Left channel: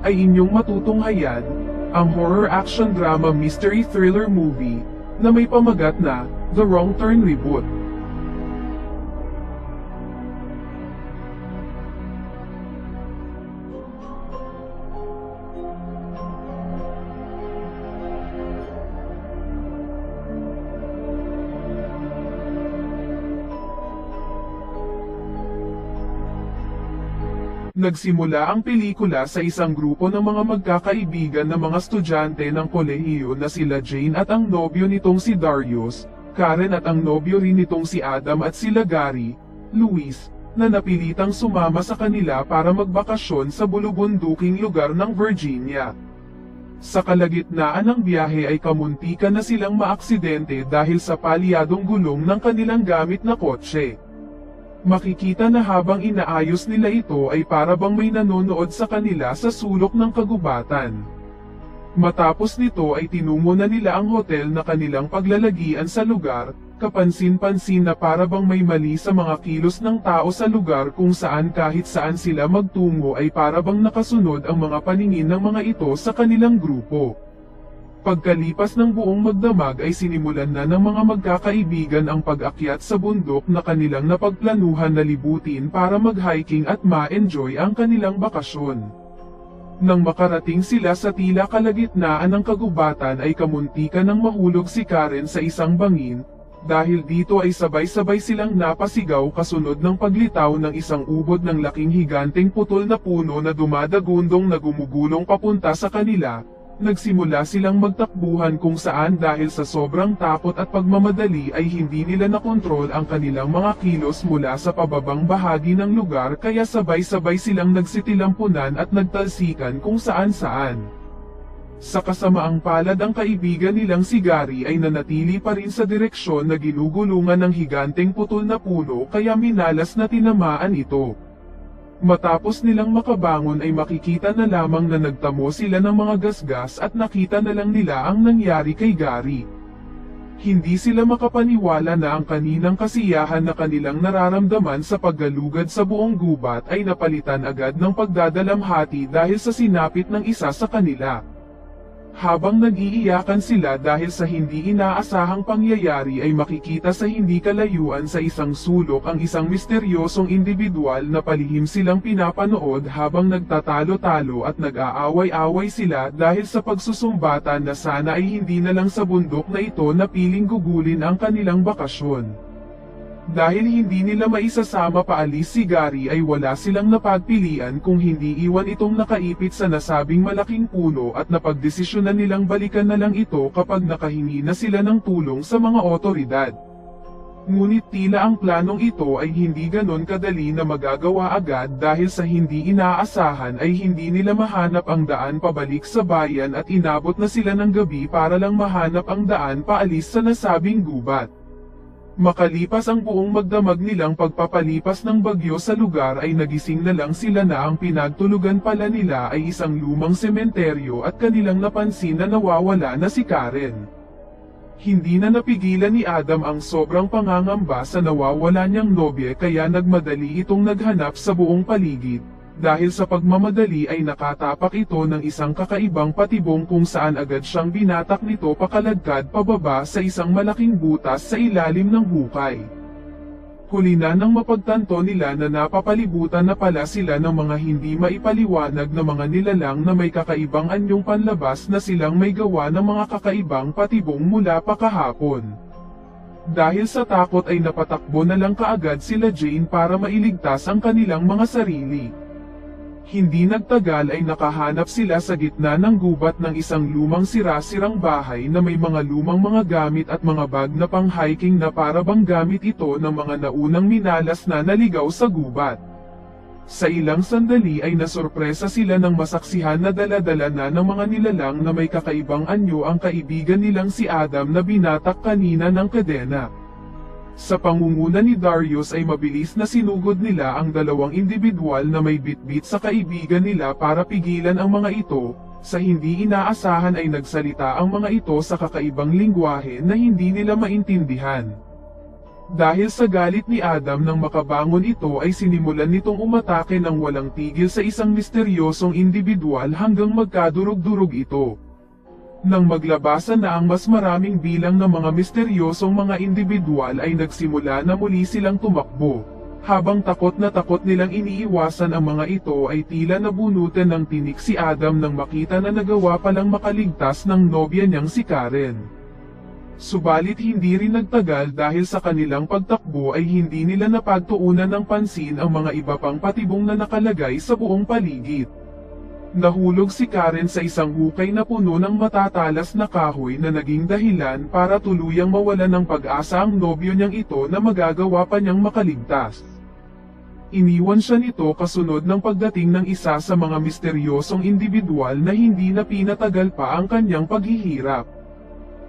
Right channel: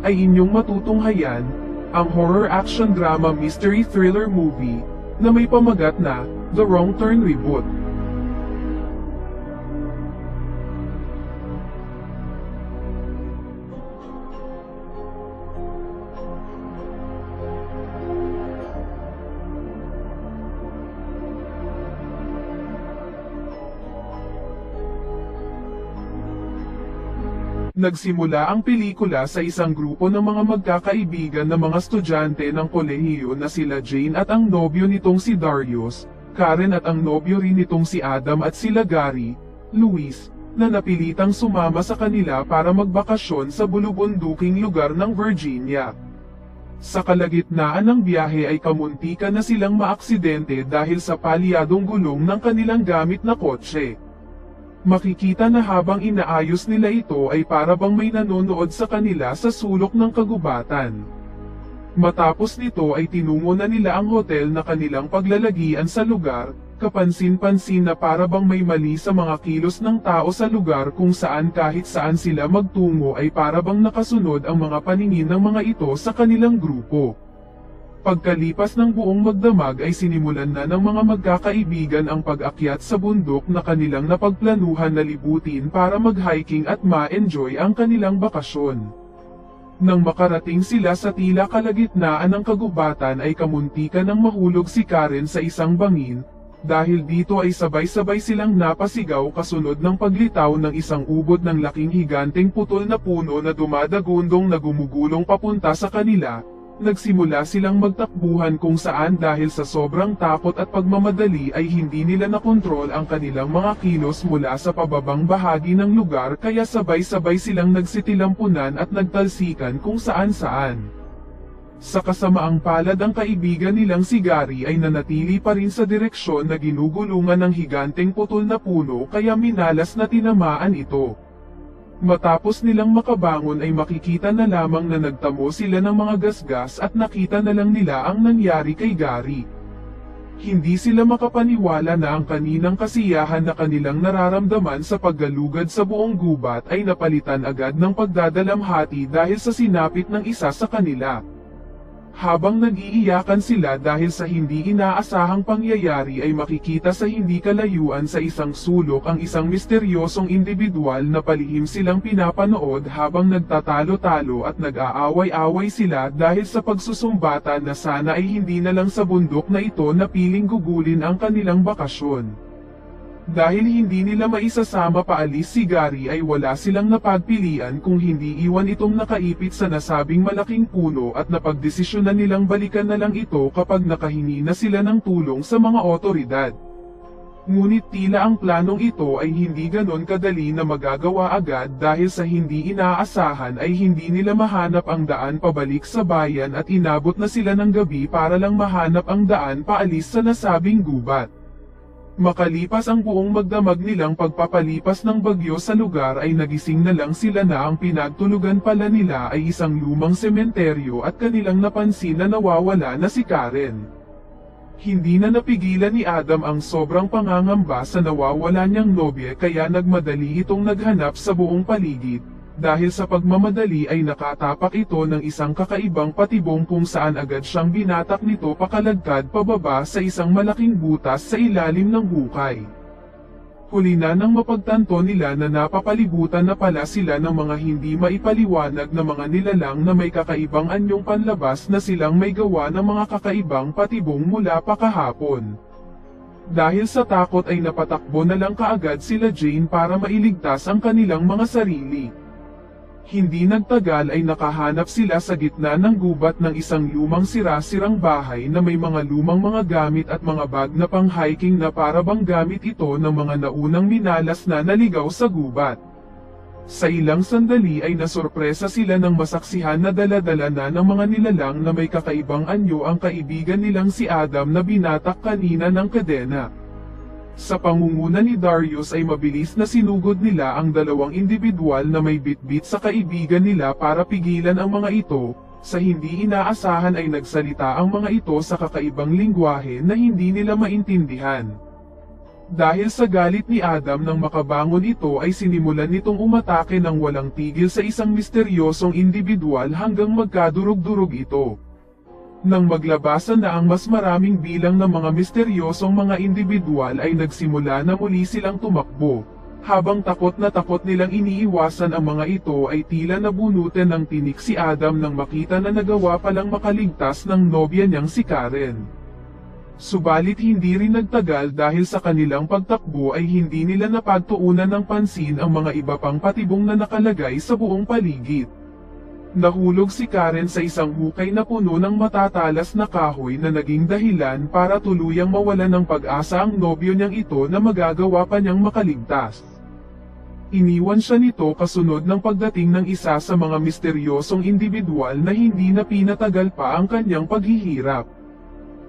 ay inyong matutunghayan, ang horror action drama mystery thriller movie na may pamagat na The Wrong Turn Reboot. Nagsimula ang pelikula sa isang grupo ng mga magkakaibigan na mga estudyante ng kolehiyo na sila Jane at ang nobyo nitong si Darius, Karen at ang nobyo rin nitong si Adam at sila Gary, Luis, na napilitang sumama sa kanila para magbakasyon sa bulubunduking lugar ng Virginia. Sa kalagitnaan ng biyahe ay kamuntikan na silang maaksidente dahil sa palyadong gulong ng kanilang gamit na kotse. Makikita na habang inaayos nila ito ay para bang may nanonood sa kanila sa sulok ng kagubatan. Matapos nito ay tinungo na nila ang hotel na kanilang paglalagian sa lugar, kapansin-pansin na para bang may mali sa mga kilos ng tao sa lugar kung saan kahit saan sila magtungo ay para bang nakasunod ang mga paningin ng mga ito sa kanilang grupo. Pagkalipas ng buong magdamag ay sinimulan na ng mga magkakaibigan ang pag-akyat sa bundok na kanilang napagplanuhan na libutin para mag-hiking at ma-enjoy ang kanilang bakasyon. Nang makarating sila sa tila kalagitnaan ng kagubatan ay kamuntikan ng mahulog si Karen sa isang bangin, dahil dito ay sabay-sabay silang napasigaw kasunod ng paglitaw ng isang ubod ng laking higanteng putol na puno na dumadagundong na gumugulong papunta sa kanila. Nagsimula silang magtakbuhan kung saan dahil sa sobrang takot at pagmamadali ay hindi nila nakontrol ang kanilang mga kilos mula sa pababang bahagi ng lugar kaya sabay-sabay silang nagsitilampunan at nagtalsikan kung saan-saan. Sa kasamaang palad ang kaibigan nilang si Gary ay nanatili pa rin sa direksyon na ginugulungan ng higanteng putol na puno kaya minalas na tinamaan ito. Matapos nilang makabangon ay makikita na lamang na nagtamo sila ng mga gasgas at nakita na lang nila ang nangyari kay Gary. Hindi sila makapaniwala na ang kaninang kasiyahan na kanilang nararamdaman sa paggalugad sa buong gubat ay napalitan agad ng pagdadalamhati dahil sa sinapit ng isa sa kanila. Habang nag-iiyakan sila dahil sa hindi inaasahang pangyayari ay makikita sa hindi kalayuan sa isang sulok ang isang misteryosong individual na palihim silang pinapanood habang nagtatalo-talo at nag-aaway-away sila dahil sa pagsusumbatan na sana ay hindi na lang sa bundok na ito na piling gugulin ang kanilang bakasyon. Dahil hindi nila maisasama paalis si Gary ay wala silang napagpilian kung hindi iwan itong nakaipit sa nasabing malaking puno at napagdesisyonan nilang balikan na lang ito kapag nakahingi na sila ng tulong sa mga otoridad. Ngunit tila ang planong ito ay hindi ganon kadali na magagawa agad dahil sa hindi inaasahan ay hindi nila mahanap ang daan pabalik sa bayan at inabot na sila ng gabi para lang mahanap ang daan paalis sa nasabing gubat. Makalipas ang buong magdamag nilang pagpapalipas ng bagyo sa lugar ay nagising na lang sila na ang pinagtulugan pala nila ay isang lumang sementeryo at kanilang napansin na nawawala na si Karen. Hindi na napigilan ni Adam ang sobrang pangangamba sa nawawala niyang nobye kaya nagmadali itong naghanap sa buong paligid. Dahil sa pagmamadali ay nakatapak ito ng isang kakaibang patibong kung saan agad siyang binatak nito pakaladkad pababa sa isang malaking butas sa ilalim ng hukay. Huli na nang mapagtanto nila na napapalibutan na pala sila ng mga hindi maipaliwanag na mga nilalang na may kakaibang anyong panlabas na silang may gawa ng mga kakaibang patibong mula pa kahapon. Dahil sa takot ay napatakbo na lang kaagad sila Jane para mailigtas ang kanilang mga sarili. Hindi nagtagal ay nakahanap sila sa gitna ng gubat ng isang lumang sira-sirang bahay na may mga lumang mga gamit at mga bag na pang-hiking na para bang gamit ito ng mga naunang minalas na naligaw sa gubat. Sa ilang sandali ay nasurpresa sila ng masaksihan na dala-dala na ng mga nilalang na may kakaibang anyo ang kaibigan nilang si Adam na binatak kanina ng kadena. Sa pangunguna ni Darius ay mabilis na sinugod nila ang dalawang individual na may bitbit sa kaibigan nila para pigilan ang mga ito. Sa hindi inaasahan ay nagsalita ang mga ito sa kakaibang lingwahe na hindi nila maintindihan. Dahil sa galit ni Adam nang makabangon ito ay sinimulan nitong umatake ng walang tigil sa isang misteryosong individual hanggang magkadurog-durog ito. Nang maglabasan na ang mas maraming bilang ng mga misteryosong mga individual ay nagsimula na muli silang tumakbo. Habang takot nilang iniiwasan ang mga ito ay tila nabunutan ng tinik si Adam nang makita na nagawa palang makaligtas ng nobya niyang si Karen. Subalit hindi rin nagtagal dahil sa kanilang pagtakbo ay hindi nila napagtuunan ng pansin ang mga iba pang patibong na nakalagay sa buong paligid. Nahulog si Karen sa isang hukay na puno ng matatalas na kahoy na naging dahilan para tuluyang mawalan ng pag-asa ang nobyo niyang ito na magagawa pa niyang makaligtas. Iniwan siya nito kasunod ng pagdating ng isa sa mga misteryosong individual na hindi na pinatagal pa ang kanyang paghihirap.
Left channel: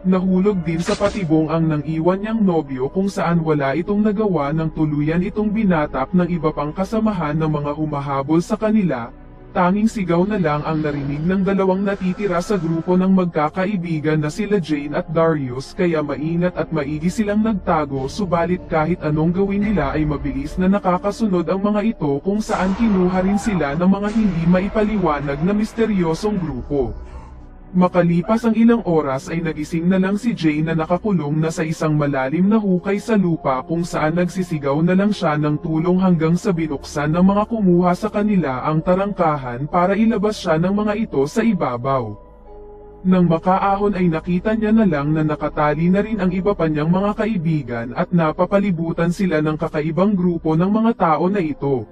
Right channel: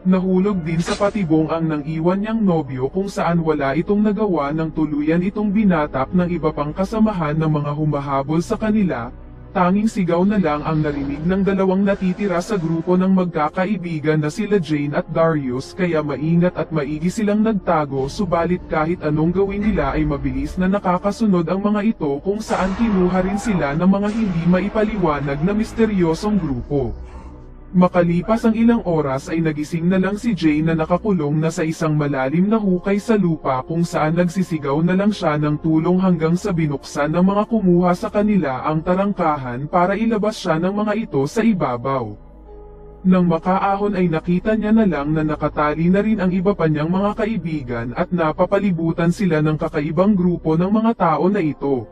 Nahulog din sa patibong ang nang iwan niyang nobyo kung saan wala itong nagawa ng tuluyan itong binatap ng iba pang kasamahan ng mga humahabol sa kanila. Tanging sigaw na lang ang narinig ng dalawang natitira sa grupo ng magkakaibigan na sila Jane at Darius kaya maingat at maigi silang nagtago subalit kahit anong gawin nila ay mabilis na nakakasunod ang mga ito kung saan kinuha rin sila ng mga hindi maipaliwanag na misteryosong grupo. Makalipas ang ilang oras ay nagising na lang si Jane na nakakulong na sa isang malalim na hukay sa lupa kung saan nagsisigaw na lang siya ng tulong hanggang sa binuksan ng mga kumuha sa kanila ang tarangkahan para ilabas siya ng mga ito sa ibabaw. Nang makaahon ay nakita niya na lang na nakatali na rin ang iba pa niyang mga kaibigan at napapalibutan sila ng kakaibang grupo ng mga tao na ito.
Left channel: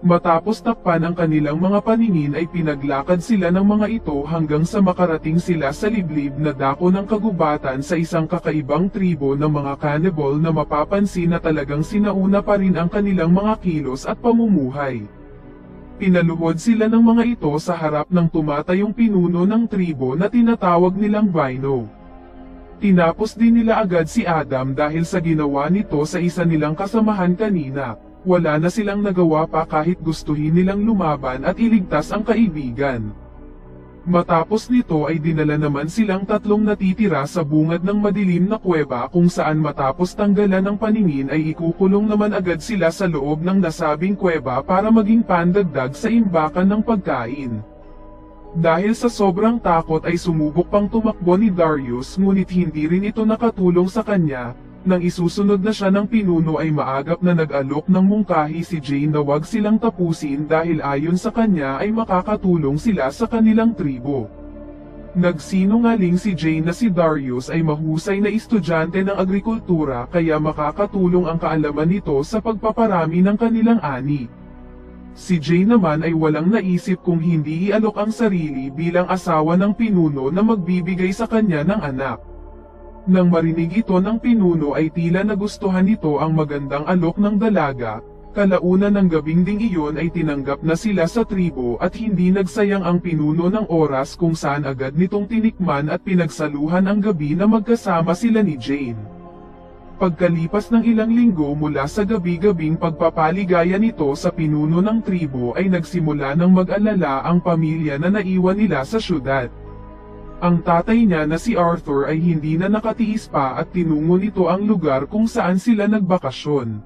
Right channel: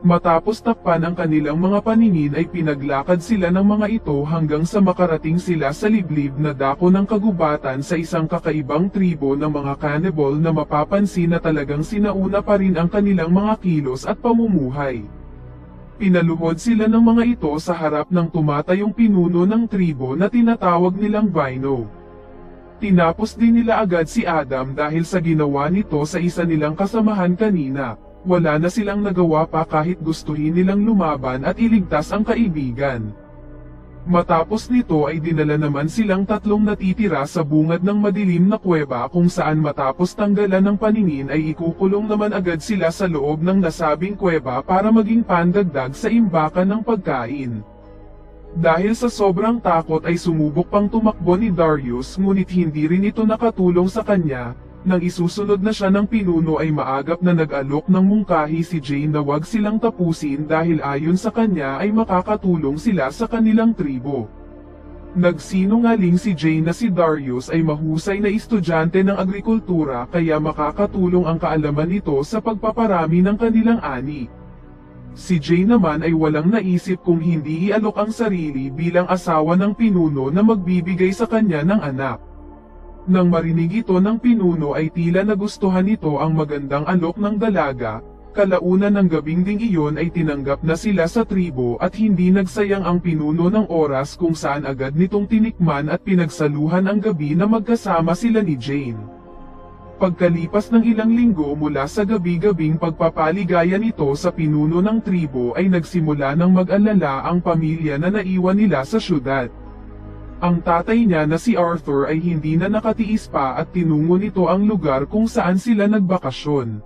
Matapos takpan ang kanilang mga paningin ay pinaglakad sila ng mga ito hanggang sa makarating sila sa liblib na dako ng kagubatan sa isang kakaibang tribo ng mga cannibal na mapapansin na talagang sinauna pa rin ang kanilang mga kilos at pamumuhay. Pinaluhod sila ng mga ito sa harap ng tumatayong pinuno ng tribo na tinatawag nilang Bino. Tinapos din nila agad si Adam dahil sa ginawa nito sa isa nilang kasamahan kanina. Wala na silang nagawa pa kahit gustuhin nilang lumaban at iligtas ang kaibigan. Matapos nito ay dinala naman silang tatlong natitira sa bungad ng madilim na kuweba kung saan matapos tanggalan ng paningin ay ikukulong naman agad sila sa loob ng nasabing kuweba para maging pandagdag sa imbakan ng pagkain. Dahil sa sobrang takot ay sumubok pang tumakbo ni Darius ngunit hindi rin ito nakatulong sa kanya. Nang isusunod na siya ng pinuno ay maagap na nag-alok ng mungkahi si Jane na wag silang tapusin dahil ayon sa kanya ay makakatulong sila sa kanilang tribo. Nagsinungaling si Jane na si Darius ay mahusay na estudyante ng agrikultura kaya makakatulong ang kaalaman nito sa pagpaparami ng kanilang ani. Si Jane naman ay walang naisip kung hindi ialok ang sarili bilang asawa ng pinuno na magbibigay sa kanya ng anak. Nang marinig ito ng pinuno ay tila nagustuhan nito ang magandang alok ng dalaga, kalaunan ng gabing ding iyon ay tinanggap na sila sa tribo at hindi nagsayang ang pinuno ng oras kung saan agad nitong tinikman at pinagsaluhan ang gabi na magkasama sila ni Jane. Pagkalipas ng ilang linggo mula sa gabi-gabing pagpapaligaya nito sa pinuno ng tribo ay nagsimula ng mag-alala ang pamilya na naiwan nila sa syudad. Ang tatay niya na si Arthur ay hindi na nakatiis pa at tinungo nito ang lugar kung saan sila nagbakasyon.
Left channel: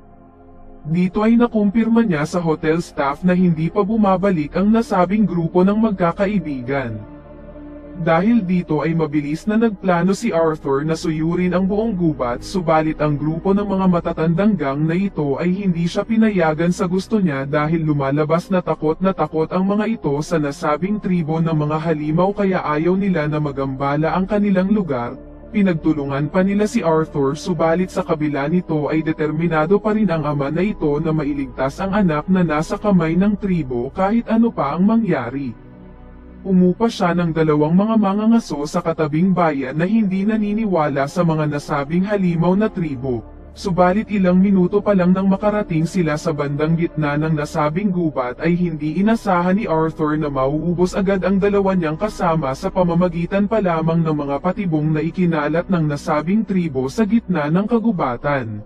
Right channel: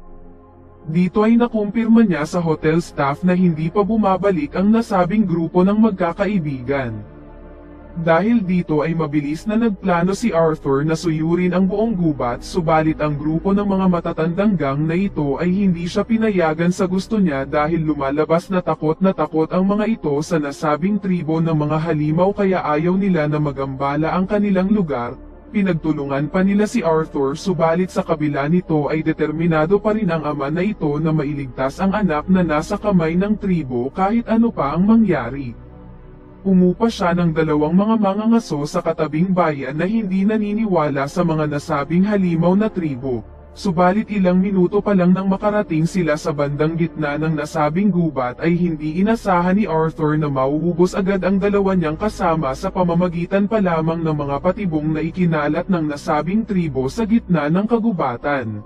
Dito ay nakumpirma niya sa hotel staff na hindi pa bumabalik ang nasabing grupo ng magkakaibigan. Dahil dito ay mabilis na nagplano si Arthur na suyurin ang buong gubat subalit ang grupo ng mga matatandang gang na ito ay hindi siya pinayagan sa gusto niya dahil lumalabas na takot ang mga ito sa nasabing tribo ng mga halimaw kaya ayaw nila na magambala ang kanilang lugar. Pinagtulungan pa nila si Arthur subalit sa kabila nito ay determinado pa rin ang ama na ito na mailigtas ang anak na nasa kamay ng tribo kahit ano pa ang mangyari. Umupa siya ng dalawang mga mangangaso sa katabing bayan na hindi naniniwala sa mga nasabing halimaw na tribo. Subalit ilang minuto pa lang nang makarating sila sa bandang gitna ng nasabing gubat ay hindi inasahan ni Arthur na mauubos agad ang dalawa niyang kasama sa pamamagitan pa lamang ng mga patibong na ikinalat ng nasabing tribo sa gitna ng kagubatan.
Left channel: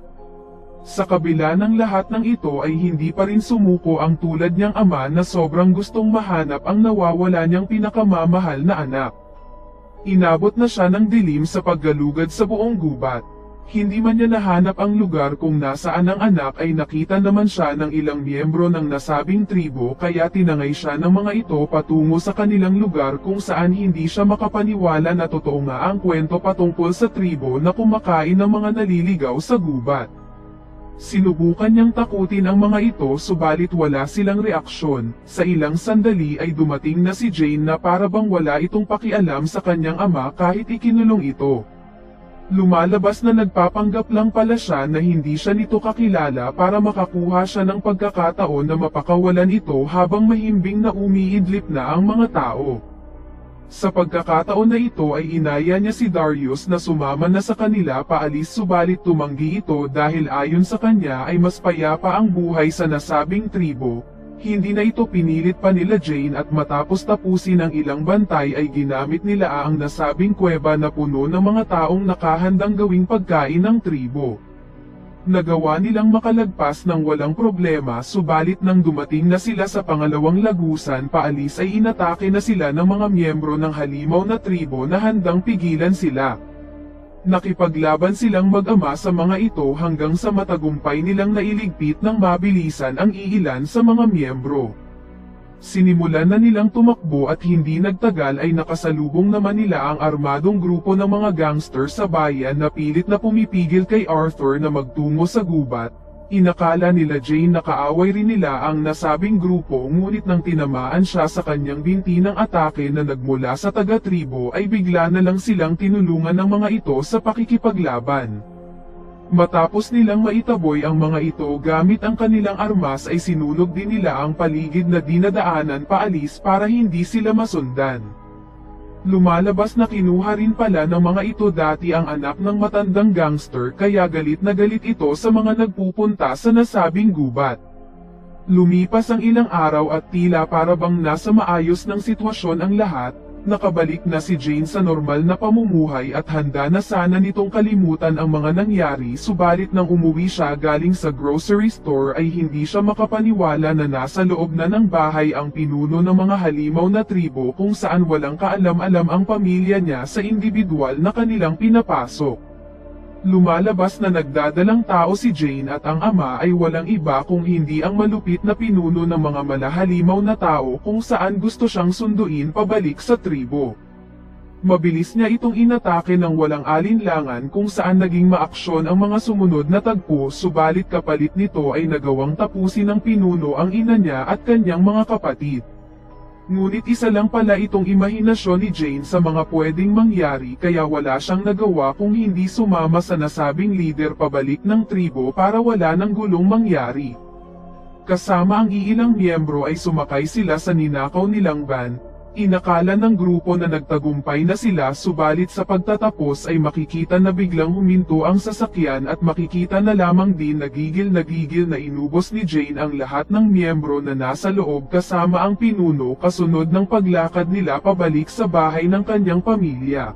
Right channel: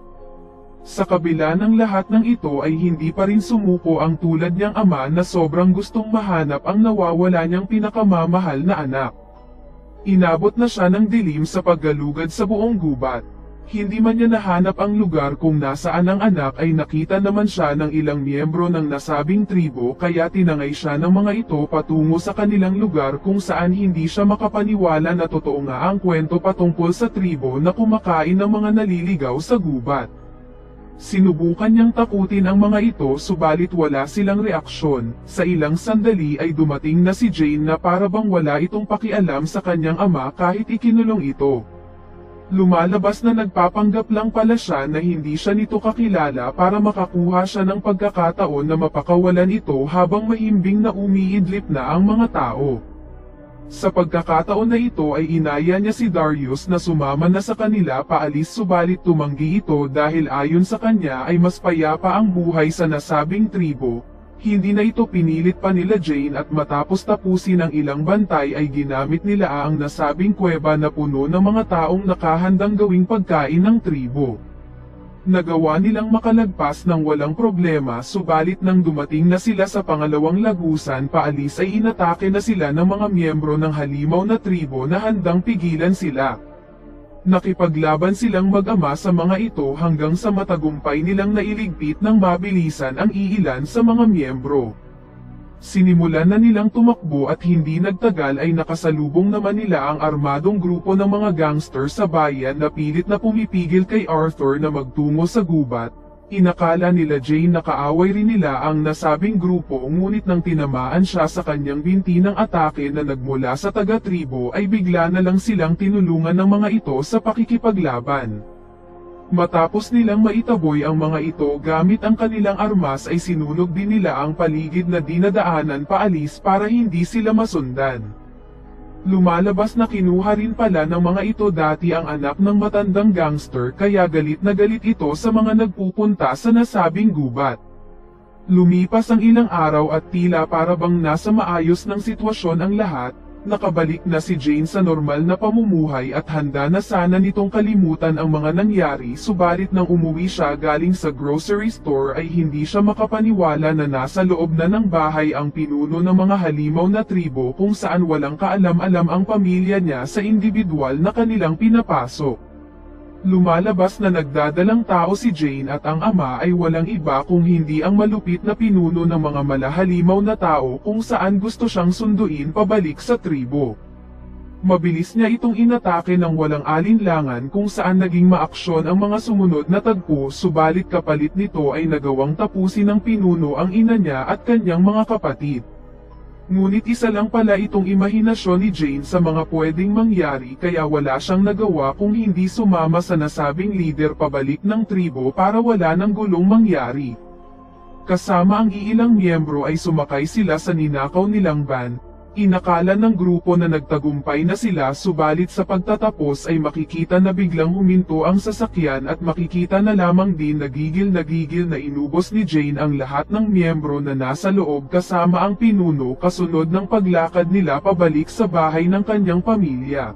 Sa kabila ng lahat ng ito ay hindi pa rin sumuko ang tulad niyang ama na sobrang gustong mahanap ang nawawala niyang pinakamamahal na anak. Inabot na siya ng dilim sa paggalugad sa buong gubat. Hindi man niya nahanap ang lugar kung nasaan ang anak ay nakita naman siya ng ilang miyembro ng nasabing tribo kaya tinangay siya ng mga ito patungo sa kanilang lugar kung saan hindi siya makapaniwala na totoo nga ang kwento patungkol sa tribo na kumakain ng mga naliligaw sa gubat. Sinubukan niyang takutin ang mga ito subalit wala silang reaksyon. Sa ilang sandali ay dumating na si Jane na para bang wala itong pakialam sa kanyang ama kahit ikinulong ito. Lumalabas na nagpapanggap lang pala siya na hindi siya nito kakilala para makakuha siya ng pagkakataon na mapakawalan ito habang mahimbing na umiidlip na ang mga tao. Sa pagkakataon na ito ay inaya niya si Darius na sumama na sa kanila paalis subalit tumanggi ito dahil ayon sa kanya ay mas payapa ang buhay sa nasabing tribo. Hindi na ito pinilit pa nila Jane at matapos tapusin ang ilang bantay ay ginamit nila ang nasabing kuweba na puno ng mga taong nakahandang gawing pagkain ng tribo. Nagawa nilang makalagpas ng walang problema subalit nang dumating na sila sa pangalawang lagusan paalis ay inatake na sila ng mga miyembro ng halimaw na tribo na handang pigilan sila. Nakipaglaban silang mag-ama sa mga ito hanggang sa matagumpay nilang nailigpit ng mabilisan ang iilan sa mga miyembro. Sinimulan na nilang tumakbo at hindi nagtagal ay nakasalubong naman nila ang armadong grupo ng mga gangster sa bayan na pilit na pumipigil kay Arthur na magtungo sa gubat. Inakala nila Jane na kaaway rin nila ang nasabing grupo ngunit nang tinamaan siya sa kanyang binti ng atake na nagmula sa taga-tribo ay bigla na lang silang tinulungan ng mga ito sa pakikipaglaban. Matapos nilang maitaboy ang mga ito gamit ang kanilang armas ay sinulog din nila ang paligid na dinadaanan paalis para hindi sila masundan. Lumalabas na kinuha rin pala ng mga ito dati ang anak ng matandang gangster kaya galit na galit ito sa mga nagpupunta sa nasabing gubat. Lumipas ang ilang araw at tila para bang nasa maayos ng sitwasyon ang lahat, nakabalik na si Jane sa normal na pamumuhay at handa na sana nitong kalimutan ang mga nangyari subalit nang umuwi siya galing sa grocery store ay hindi siya makapaniwala na nasa loob na ng bahay ang pinuno ng mga halimaw na tribo kung saan walang kaalam-alam ang pamilya niya sa individual na kanilang pinapasok. Lumalabas na nagdadalang tao si Jane at ang ama ay walang iba kung hindi ang malupit na pinuno ng mga malahalimaw na tao kung saan gusto siyang sunduin pabalik sa tribo. Mabilis niya itong inatake ng walang alinlangan kung saan naging maaksyon ang mga sumunod na tagpo subalit kapalit nito ay nagawang tapusin ng pinuno ang ina niya at kanyang mga kapatid. Ngunit isa lang pala itong imahinasyon ni Jane sa mga pwedeng mangyari kaya wala siyang nagawa kung hindi sumama sa nasabing leader pabalik ng tribo para wala ng gulong mangyari. Kasama ang iilang miyembro ay sumakay sila sa ninakaw nilang van. Inakala ng grupo na nagtagumpay na sila subalit sa pagtatapos ay makikita na biglang huminto ang sasakyan at makikita na lamang din nagigil na inubos ni Jane ang lahat ng miyembro na nasa loob kasama ang pinuno kasunod ng paglakad nila pabalik sa bahay ng kanyang pamilya.